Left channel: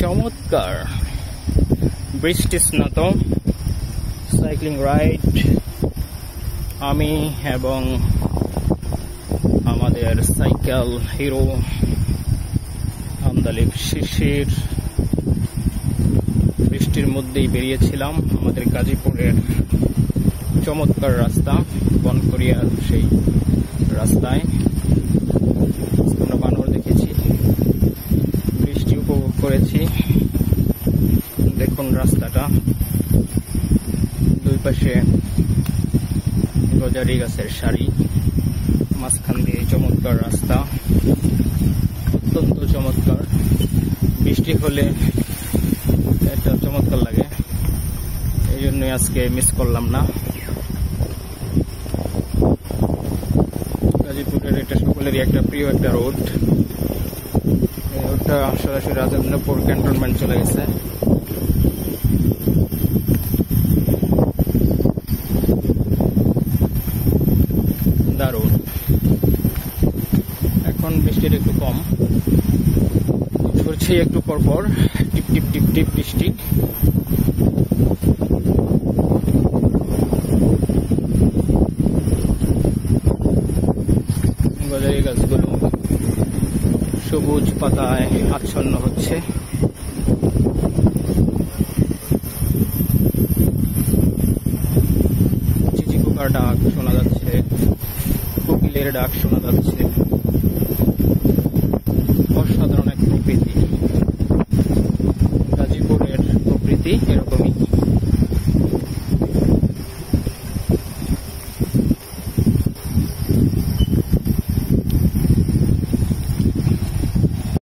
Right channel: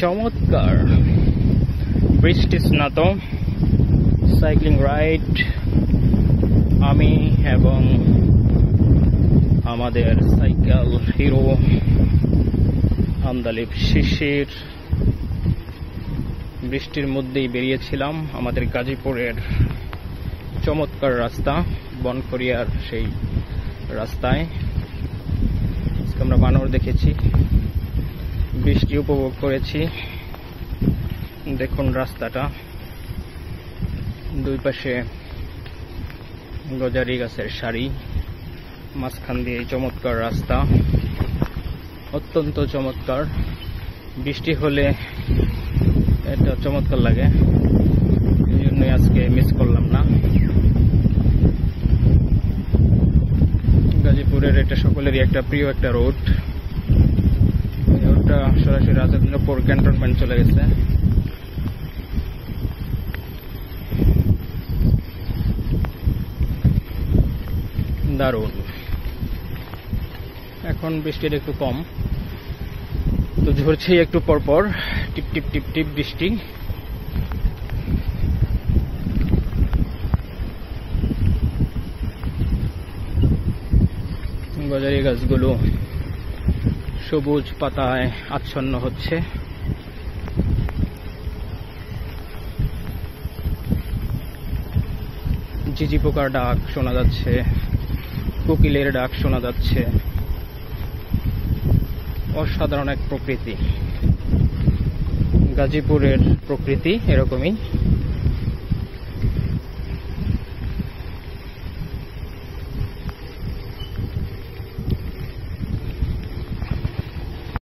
চমৎকার বৃষ্টি স্নাত cycling ride আমি এবং আমাদের সাইকেল হিরো আমদালিব শিশির বৃষ্টির মধ্যেই বেরিয়েছিলাম আমাদের গাজীপুরের চমৎকার রাস্তা বনকরিয়ার সেই রাস্তায়। আমরা বানর দেখেছি, বৃষ্টি উপভোগ করেছি। দেখুন রাস্তাটা, দুই পাশে গজারি গাছের সারি, মাঝখান দিয়ে চমৎকার রাস্তা, অত্যন্ত চমৎকার। বৃষ্টি হলে এটা চমৎকার লাগে, এই জন্যই আজকে মিস করলাম না। গাজীপুরের এটা সকলেরই একটা প্রিয় একটা রোড। এই রোডটা সরাসরি রাজেন্দ্রপুর ক্যান্টনমেন্ট চলে গেছে। দারুণ। এখন বৃষ্টির একটু কম, তো ঝরছে একটু পর পর টিপ টিপ টিপ টিপ বৃষ্টি। গজারি গাছগুলো সবুজ পাতায় আচ্ছন্ন হচ্ছে। ঝিঝি পোকার ডাক শোনা যাচ্ছে, কোকিলের ডাক শোনা যাচ্ছে। অসাধারণ এক প্রকৃতি, গাজীপুরের প্রকৃতি এরকমই।